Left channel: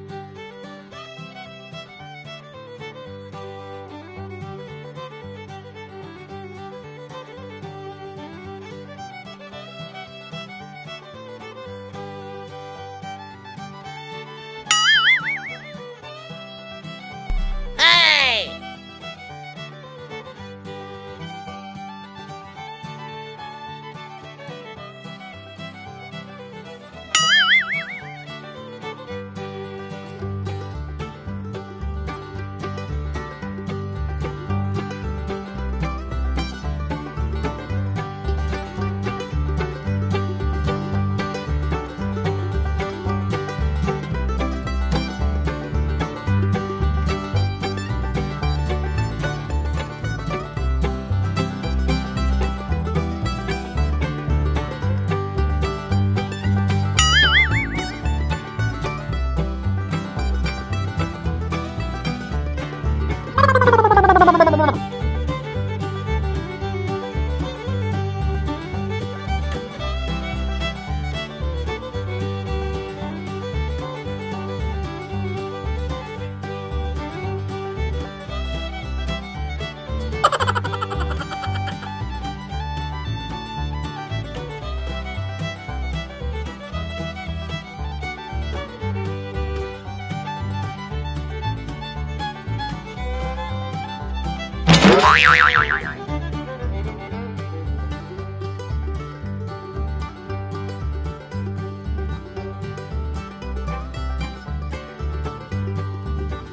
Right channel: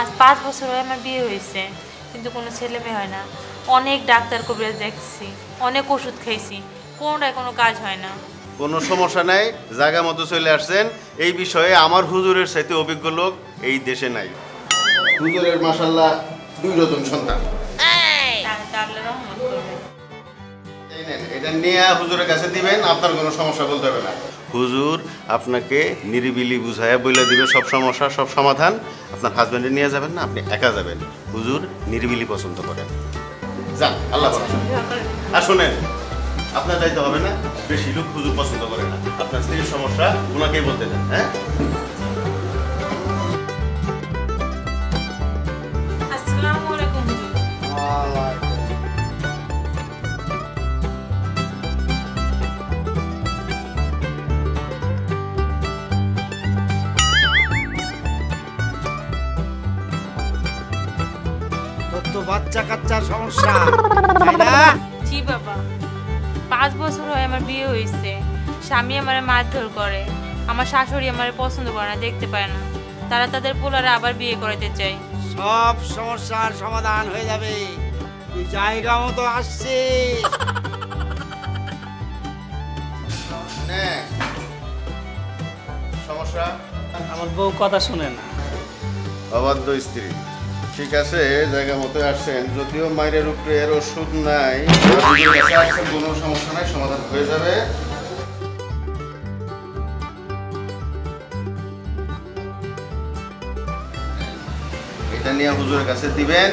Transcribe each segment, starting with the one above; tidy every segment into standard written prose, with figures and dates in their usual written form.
আজ 5 বছর হয়ে আমার বিয়ে হয়েছে, কিন্তু কোনো ছেলে মেয়ে হয় না। অনেক ডাক্তার কবিরাজ দেখছি, অনেক ওষুধ খাইছি, কোনোটাই কোনো কাজ হয় না। কোনো সমস্যা নাই, জায়গা মতো চলে আসছেন। এই বিষয়ে আমার হুজুরের সাথে অভিজ্ঞ লোক এই দেশে নাই। হুজুরের মাশাআল্লাহ 2 রতন সন্তান। আল্লাহ রহমত করবে। এটা নিয়ে হুজুরের কাছে দিবেন, আপনার কোনো সমস্যা বলতে হবে না। হুজুর আপনাকে নিরিবিলি বুঝাইয়া বলে দিবে সব সমস্যা, সব সমাধান। আপনার হাজবেন্ডে নিয়ে যাবেন না, আপনি একা যাবেন। হুজুর নিরিবিলি পছন্দ করেন। যান, আল্লাহ হাফেজ। আর শোনেন, আপনার দায়িত্ব হবে না, বেশি লোক হুজুর পছন্দ করে না। আপনার স্ত্রীর সমস্যা ওনাকেই বলতে দেন। হ্যাঁ, আসসালামু আলাইকুম। তো বাচ্চা কাচ্চার সমস্যা জি বাবা, 5 বছর হয়ে আমার বিয়ে হয়েছে। স্বামী আমার মারধর করে, আমার শাশুড়ি আমার পছন্দ করে না, দেখতে পায় না। তারা তাদের পোলারে আবার বিয়ে করাতে চায়। সব সমস্যার সমাধান হয়ে যাবে। তুই জায়গা মতো আসছে। হ্যাঁ। সমস্যা আমার বউ কথা শুনেন। অবাধ্য স্ত্রী। ঠিক আছে, জায়গা মতো আসছেন, যদিও মায়ের উপরে এর ওষুধ নাই, কোনো সমস্যা নাই, সমাধান হয়ে যাবে। এটা নিয়ে হুজুরের কাছে দিবেন,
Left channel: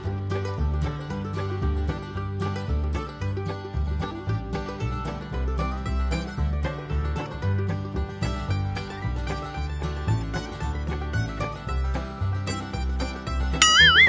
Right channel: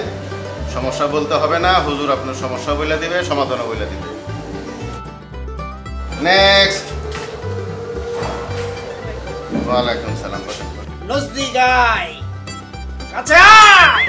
সমস্যা বলতে হবে না, হুজুর আপনার সমস্যা বলে দিবে, সমাধানও বলে দিবে। নেক্সট। ওয়ালাইকুম সালাম। নজদিক আয়, কাছে আয়।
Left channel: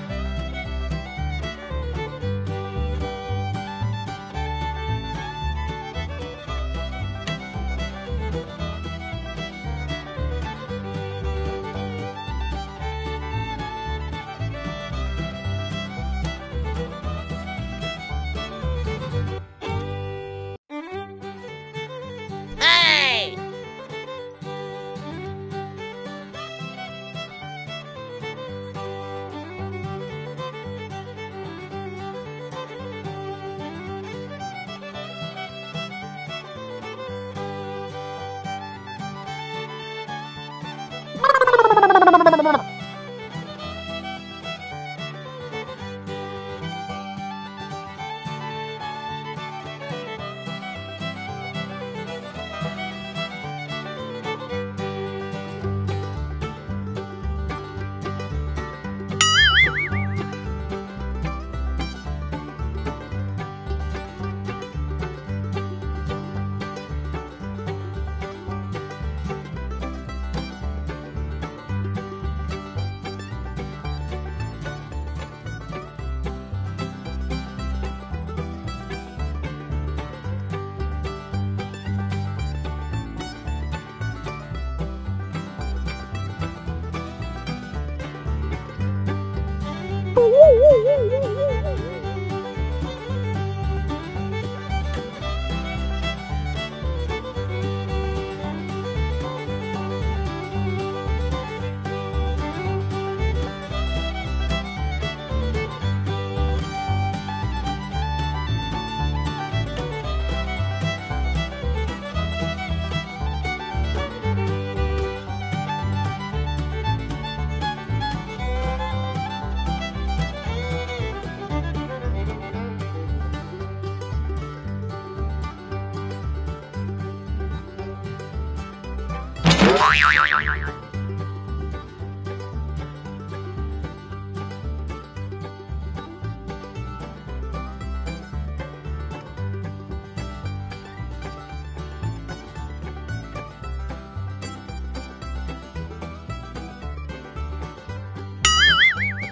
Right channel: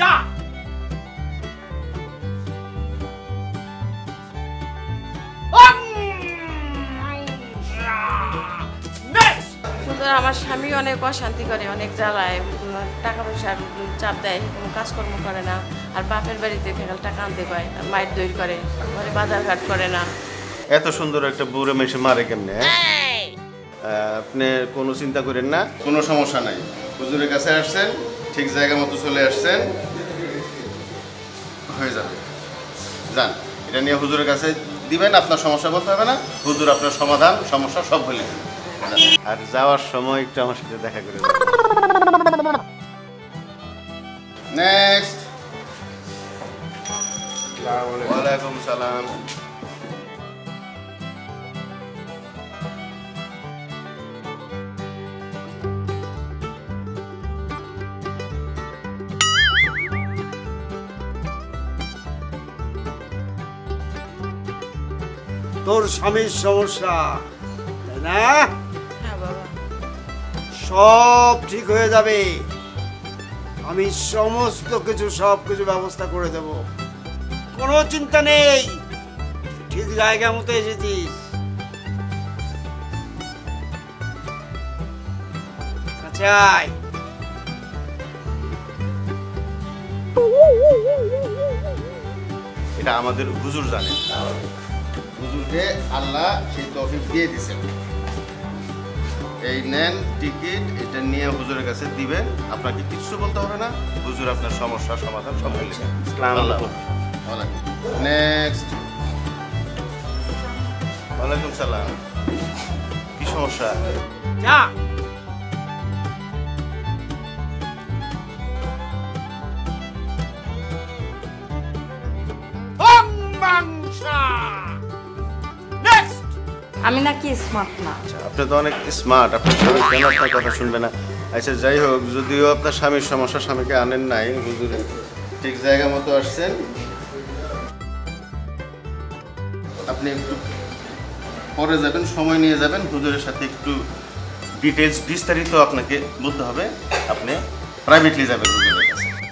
যা। সুতরাং আমার স্বামী অনেক অশান্তি করে, অনেক জ্বালায়, টাকা পয়সার চাপ দেয়, কোনো কাজকর্ম করে না। আর বাপের বাড়িতে ফেরাল টাকা আনতে পায়, আর মায়ের দই করে, ঘরে বাজার ঘাট করে না। এত সুন্দর একটা বুড়ো মেশে মারে কেমনে? আপনি কোনো চিন্তা করেন না, কোনো সমস্যা নাই। হুজুরের কাছে আসছেন, ঠিক জায়গা মতো চলে আসছেন, হয়ে যাবে। যান, এটা নিয়ে হুজুরের কাছে দিবেন, আপনার সমস্যা বলতে হবে না, হুজুর আপনার সমাধান সমস্যা সব বলে দেবে। আর যাওয়ার সময় একটু আমার সাথে দেখা করবেন। নেক্সট। ওয়ালাইকুম সালাম। তোর স্বামীর সমস্যা, তাই না? হ্যাঁ বাবা। সব ঠিক হয়ে যাবে। আমি সমস্ত কিছু ব্যবস্থা করে দেব, কোনো চিন্তা নেই। ঠিক জায়গা মতো এসেছিস। আচ্ছা আয়। এটা আমাদের হুজুর জানে। হুজুরকে আল্লাহ সেই তৌফিক দিয়ে দিয়েছেন। এই নেন টিকিট, এটা নিয়ে হুজুরের কাছে দিবেন, আপনাকে কিছু বলতে হবে না, হুজুর আপনার সমস্যার সমাধান সব বলছেন। নেক্সট। ওয়ালাইকুম সালাম। কি সমস্যা? যা। আমি নাকি স্মার্ট না? আপনি তো অনেক স্মার্ট, আপনি কথা শুনবে না। আচ্ছা যাই হোক, যদিও আপনার স্বামীর সমস্যা, স্বামীকে আনেন নাই, হুজুরে ঠিক জায়গা মতো আসছেন। আপনি একটু পরে যাবেন, সময় নিয়ে যাবেন, হুজুরের সাথে একটু ডিটেলস বিস্তারিত আপনাকে বলতে হবে। আপনি প্রাইভেটলি যাবেন।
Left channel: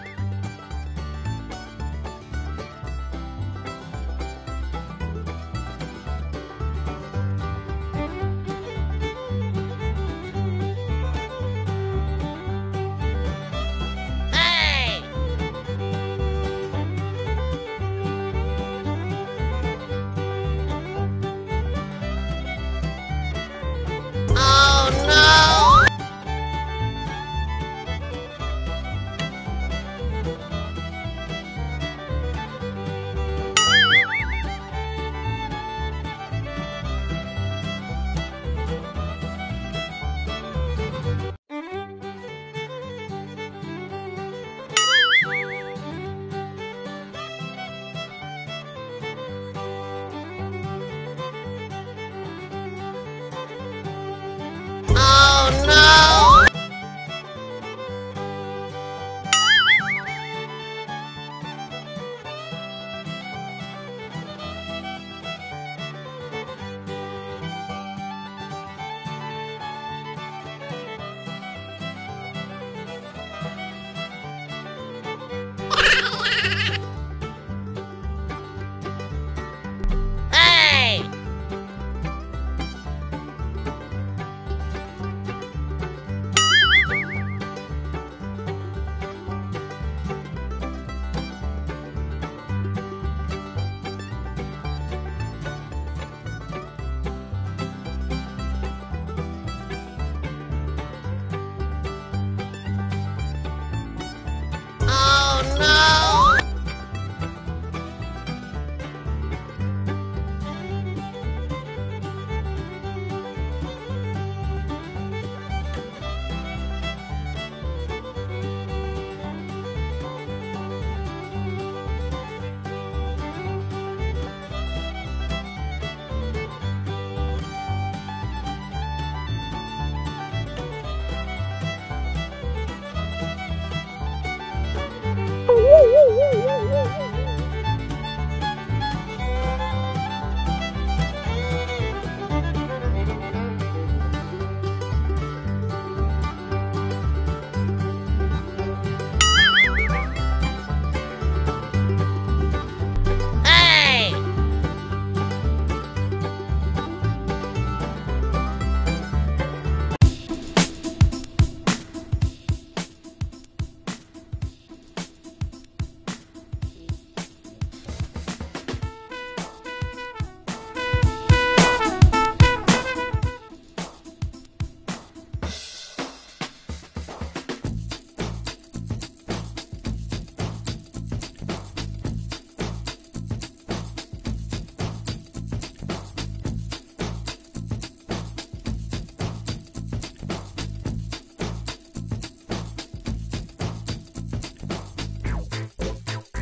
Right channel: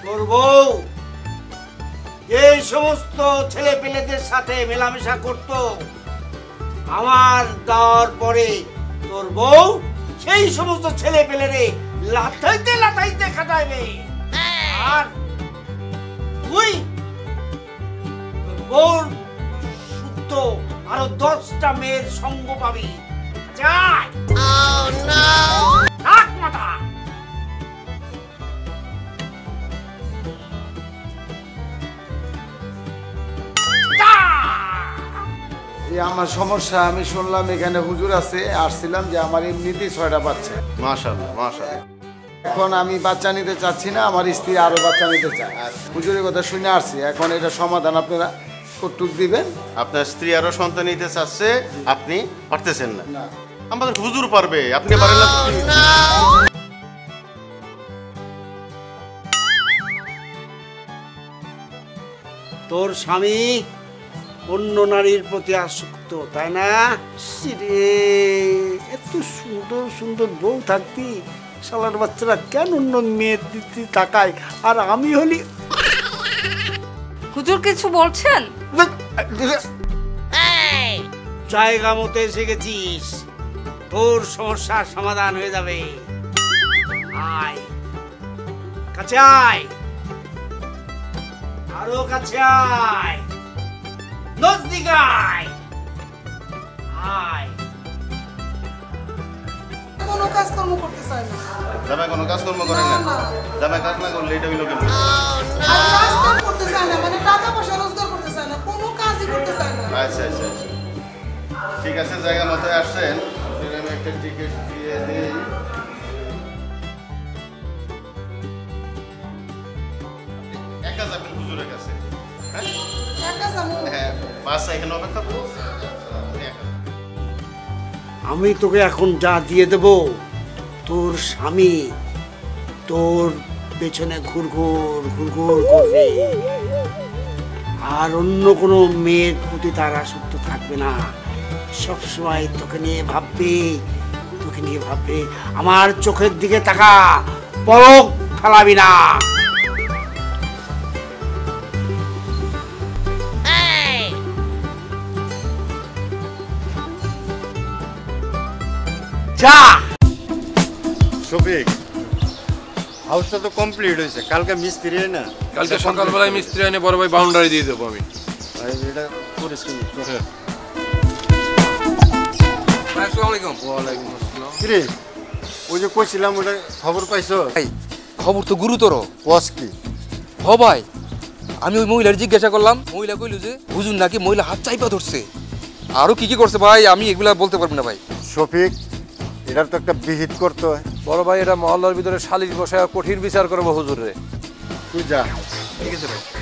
তোর বউ এই সমস্ত ছেলে পেলেদের সাথে মেলামেশা করত, আমার দেওয়ার পরে তোর বউ সেই সমস্ত ছেলে পেলেরে লাথাইতে লাথাইতে খাটাইবে। আর তুই ওর তো আরো 10টা মেয়ের সঙ্গ পাবি। যাই থাক মাথা। আমার সমস্যা আমি শুনলাম এখানে হুজুর আছে, আসছিলাম যে আমার এমনিতেই 6টা বাচ্চা। মাশাআল্লাহ মাশাআল্লাহ। এখন আমি বাচ্চা নিতে চাচ্ছি না, আমার স্ত্রী আরো বাচ্চা নিতে চায়। হুজুরের কথা শুনে আসছি, এখন এটা সমাধান আপনারা কতটুক দিবেন? আপনার স্ত্রী আরো সন্তান নিতে চাচ্ছে, আপনি পারতেছেন না। আমাদের হুজুর পারবে, আপনি পারবেন না। তোর স্বামী অন্য নারীর প্রতি আসক্ত, তাই না? সিরে, এত সুন্দর সুন্দর বউ থাকতি, শালার বাচ্চারা কেন অন্য মেয়ের দিকে তাকায়? আর আমি হলি হুজুর কিছু বলছেন? জায়গা মতো এসে গেছিস, তোর সমস্যার সমাধান হয়ে যাবে। আয় কাছে আয়, আরো কাছে আয়, নজদিকে আয়। আয় কোনো কাজকর্ম করতে চাই না। জামাই কোনো কাজকর্ম করেন না? জামাই কাজ না করলে এটা হইলো কেমন? কাজ করতে চাই না, মানে টাকা পয়সা রোজগার করতে চাই না, কোনো কাজই করতে চাই না। আচ্ছা আচ্ছা, ঠিক আছে, জায়গা মতো আসছেন। আমি একটা টিকিট দিয়ে দিই। একা যাবেন হুজুরের কাছে? হ্যাঁ? একা যাবো? হ্যাঁ, বাস এখানে অপেক্ষা করো। আমি তোকে এখন যা দিয়ে দেব, তোর স্বামী তোর পেছনে ঘুরঘুর ঘুরঘুর করবে, আর অন্য কোনো মেয়ের প্রতি তার আসক্ত থাকবে না। সবসময় তোকে নিয়ে ভাববে, তোকে নিয়ে ভাববে। আমার চোখের দিকে তাকা, পলক ফালাবি না। যা। শফিক, হাউসটা তো কমপ্লিট হয়েছে, কালকে মিস্ত্রি না? কালকে সকালবেলায় মিস্ত্রি এনে বড় ভাই বাউন্ডারি দিয়ে দেবো আমি। এটা করেছি। কিরে, ওই যে কইছিলাম ওটা খবর পাইছো? খবর তো গুরুতর। কস কি? হ ভাই, আমি ওই মহিলার জিজ্ঞাসা করলাম, মহিলা কইল যে হুজুর নাকি মহিলা হাত চাইপা ধরছে, আরো কি কি করছে ভাই আমি এগুলা বলতে পারবো না ভাই। শফিক, এটার তো একটা বিহিত করতে হয়। বড় ভাই এটা মহল্লার ভিতরে শালিশ বসায় কঠিন বিচার করবো হুজুরে। তুই যা,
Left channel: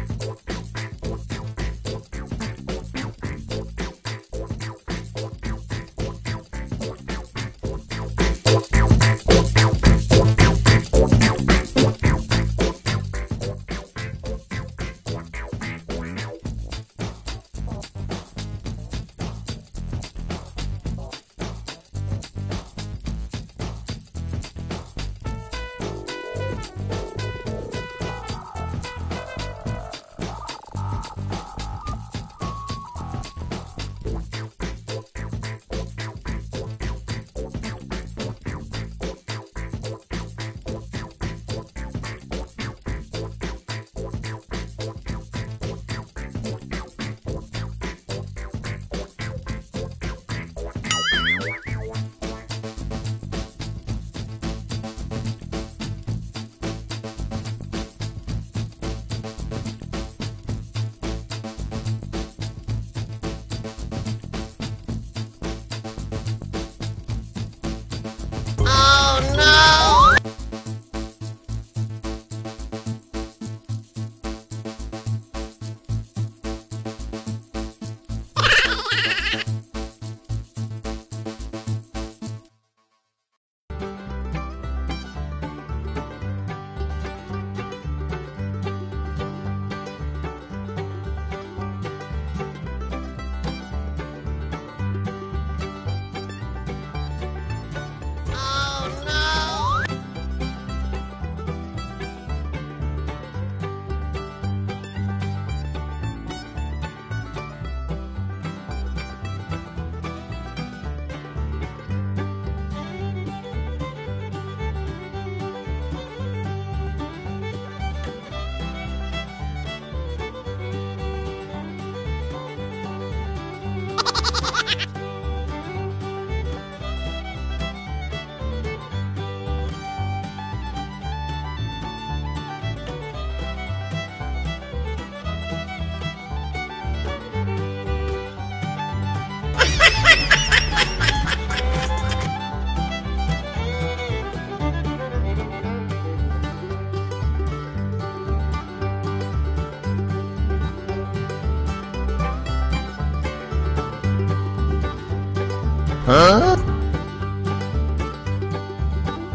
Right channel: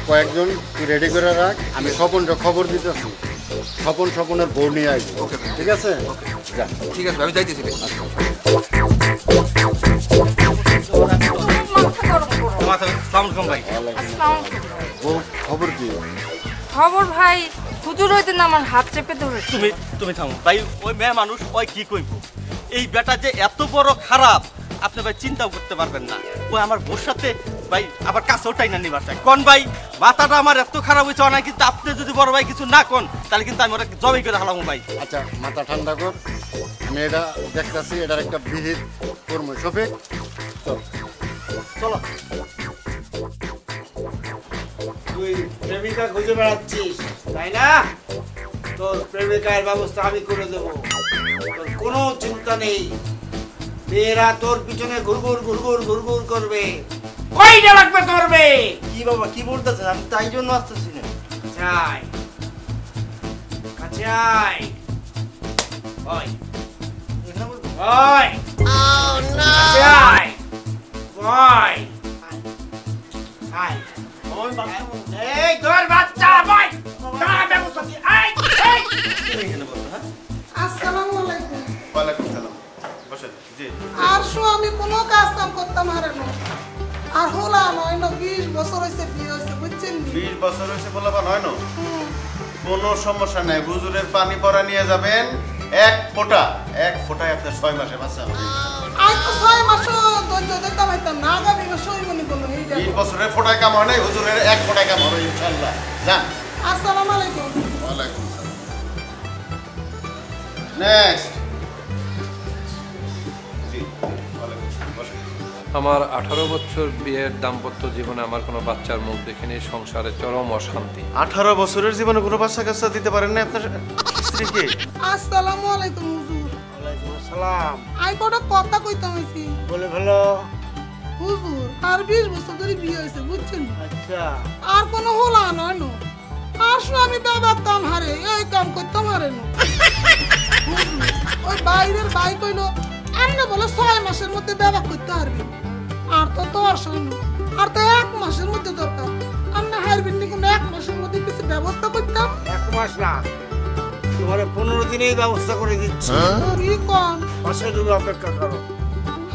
কয়েকজন রেডি করে রাখ, আমি স্বপনটা খবর দিতে স্বপনের বউ নিয়ে আসবো, ঠিক আছে? যা। ঠিক আছে আমি যাইতেছি ভাই। বউ খবর কি? খবর ভাই, হুজুর হইতে না আমার হাত চেপে ধরেছে। তুমি থামো ভাই, ওই মেয়ে মানুষ ওই কি কইব? এই বেটা যে এত বড় খারাপ আপনি ভাই চিন্তাও করতে পারবেন না। ওই আমার বোর সাথে ভাই আবার কাছেও টাই না নিবার চাই। কোন ভাই মাথাটা আমার এত খারাপ হয়েছে অনেক, কিন্তু আপনি যদি বড় ভাই কিছু না কোন তাহলে কিন্তু আমি ওরা জবাই করে হালাম ভাই। আচ্ছা, মাথা ঠান্ডা কর, মেয়েরা দেখতেছি এটার একটা বিহিত করবো। শফিক চলো। তুই প্রেমিকা খুঁজে বেড়াচ্ছিস, তাই না? তোর প্রেমিকার ব্যবস্থা আমি করে দেবো, তোর কোনো চিন্তা নেই। মেয়েরা তোর পিছনে ঘুরঘুর ঘুরঘুর ঘুরঘুর করবে। কয়টা লাগবে করবে? কি বাবা কি বলতেছেন? আমি তাই জন্য আসতেছি না। আয় কাছে আয়। ওই ওই oh no আয় ওই আয় ওই বাবা, এই তোর বাচ্চা ভাই তার ব্যবস্থা কি? আয় আসসালামু আলাইকুম। ওয়ালাইকুম সালাম। বসেন। জি। আর শো আমি কোনো কাজ কাম করতাম আর না। আর হলাম হয়তো 20 বছর হয়েছে বিয়ে হয়েছে, বুঝছেন? 20 বছর হয়েছে বলবা নয় না? কোনো সমস্যা নাই, হুজুরের পানি পড়া নিয়ে যাবেন, এক ফোঁটায় আপনার 6 মাসে বাচ্চা হবে। আর তো 6 মাসও ধৈর্য ধরতে পারতাম না, আগামী মাসে হইব নি কোনো এইটা। 20 বছরের ফোটায় কাম হয় নাই, হুজুরের 1 ফোটায় কাম হবে ইনশাআল্লাহ। যা। আসসালামু আলাইকুম। ওয়ালাইকুম নেক্সট। আমার 18 বছর বিয়ের দাম্পত্য জীবনে আমার কোনো বাচ্চার মুখ দেখিনি, সংসারে চরম অশান্তি। 18 বছরের জীবনে কোনো বাচ্চা কাচ্চা দিতে পারেন না আপনার স্ত্রীকে? আসসালামু আলাইকুম হুজুর। সালাম। আই বড় কথা কইতাম হইছি। বলে ভালো। হুজুর আর 20 বছর ধরে বিয়ে হইছে বুঝছেন? আচ্ছা। আর কোনো হলা নয় না। আসলে আমি দাদা কাম হারে এই কাম করতাম হারে না। ওই বাইরের ভাই কইলো আন্না বলে 6 মাসের মধ্যে দাদা করতে হারে। আর তো 10 আর তো 1 মাসের মধ্যে দরকার। আমরা হারবিন নি কোনো 1 মাসের মধ্যে কিছু ব্যবস্থা করতাম। 1 মাস না। তোমার 15 দিনেই ব্যবস্থা করে দিচ্ছি। কি কোন? মাসে দুটো অপেক্ষা করো।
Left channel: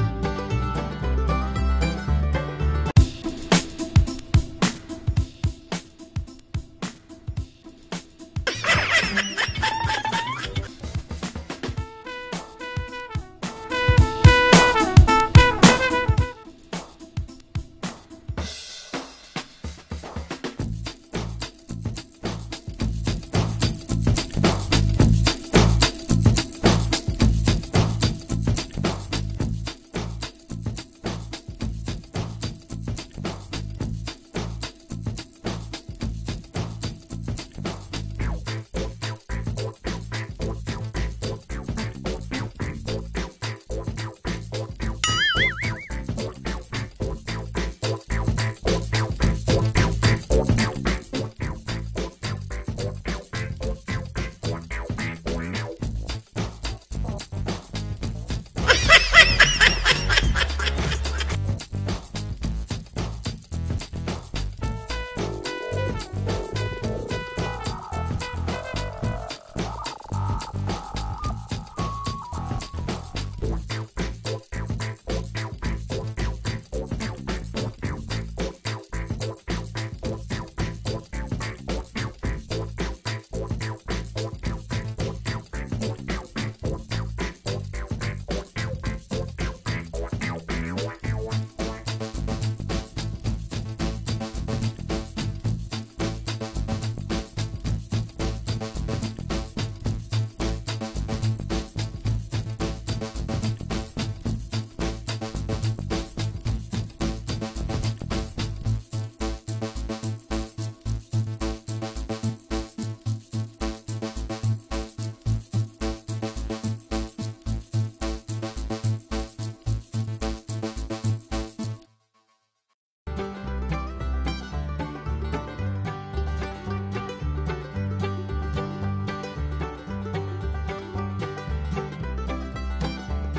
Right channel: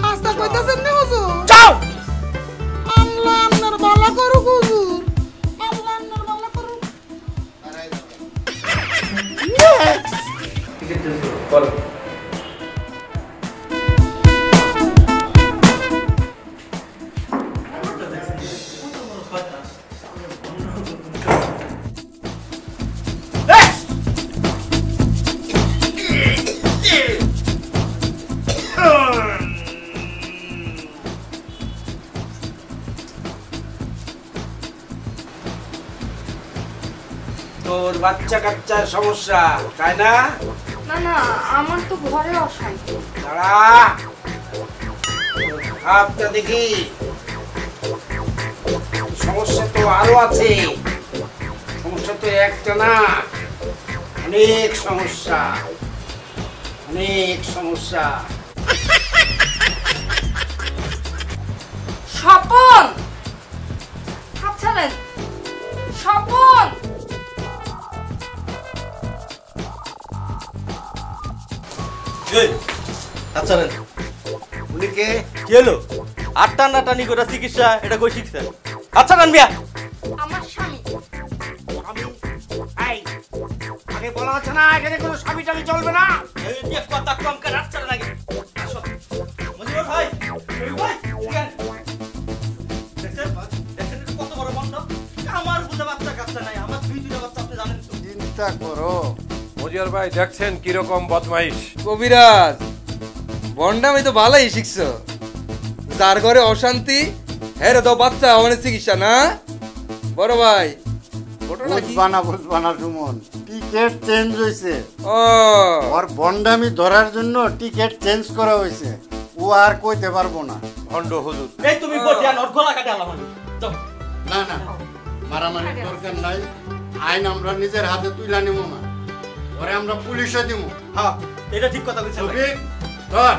আস্তা কইতাছেন না হুজুর? যাও। আল্লাহ আপনার ভালো করুক হুজুর। আল্লাহ আপনার ভালো করুক। তোর বাচ্চা কাচ্চার সমস্যা তাই না? না না আমার তো ঘরে অশান্তি। দাঁড়া। হাতটা দেখি। সমস্যা তো আরো আছে। সমস্যা তো একটা না, অনেক সমস্যা, অনেক সমস্যা। স্বপন আচ্ছা না স্বপন এই, আচ্ছা রে, উনি কে? কি হলো? আর টানাটানি করে চিকিৎসা এটা কই শিখছেন? আচ্ছা রান মিয়া, আমার স্বামী। এই, আগে বলা হচ্ছে না এখানে কোনো স্বামী টামি চলবে না। এই যে কথা কম করে আচ্ছা লাগে। আসো। মজুর ভাই, ভাই, দেখেন, কত বড় মন্দ। আমার বুঝে বাচ্চা কাচ্চা নাই, আমার 2-2টা বাচ্চা আপনি জানেন তো। চিন্তা করো। মজিয়ার ভাই দেখছেন কিরকম বদমাইশ। কবিরাজ বন্ডামি তো ভালোই শিখছো। যার ঘরে অশান্তি হ্যাঁ রে দাও বাচ্চা অনেক চিকিৎসা না বড় ভাই। ঘটনা কি? বুঝবা না সুমন, টিকেট চেঞ্জ হয়েছে। ও ওর বন্ডামি ধরার জন্য টিকেট চেঞ্জ করা হয়েছে। ও আর কইতে পারবো না। ভণ্ড হুজুর। এই তুমি বটিয়ান ওর গলা কাটে আলাম। তো না না, মারামারি দরকার নাই। আইন আমরা নিজের হাতে তুলে নিব না, পরে আমরা পুলিশে দিব। হ্যাঁ, এটা ঠিক কথা বলছেন। ছবি ধর,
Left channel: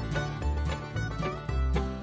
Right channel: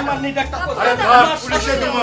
আমার নিটা একটা কথা। আরে ধর, পুলিশে দিব।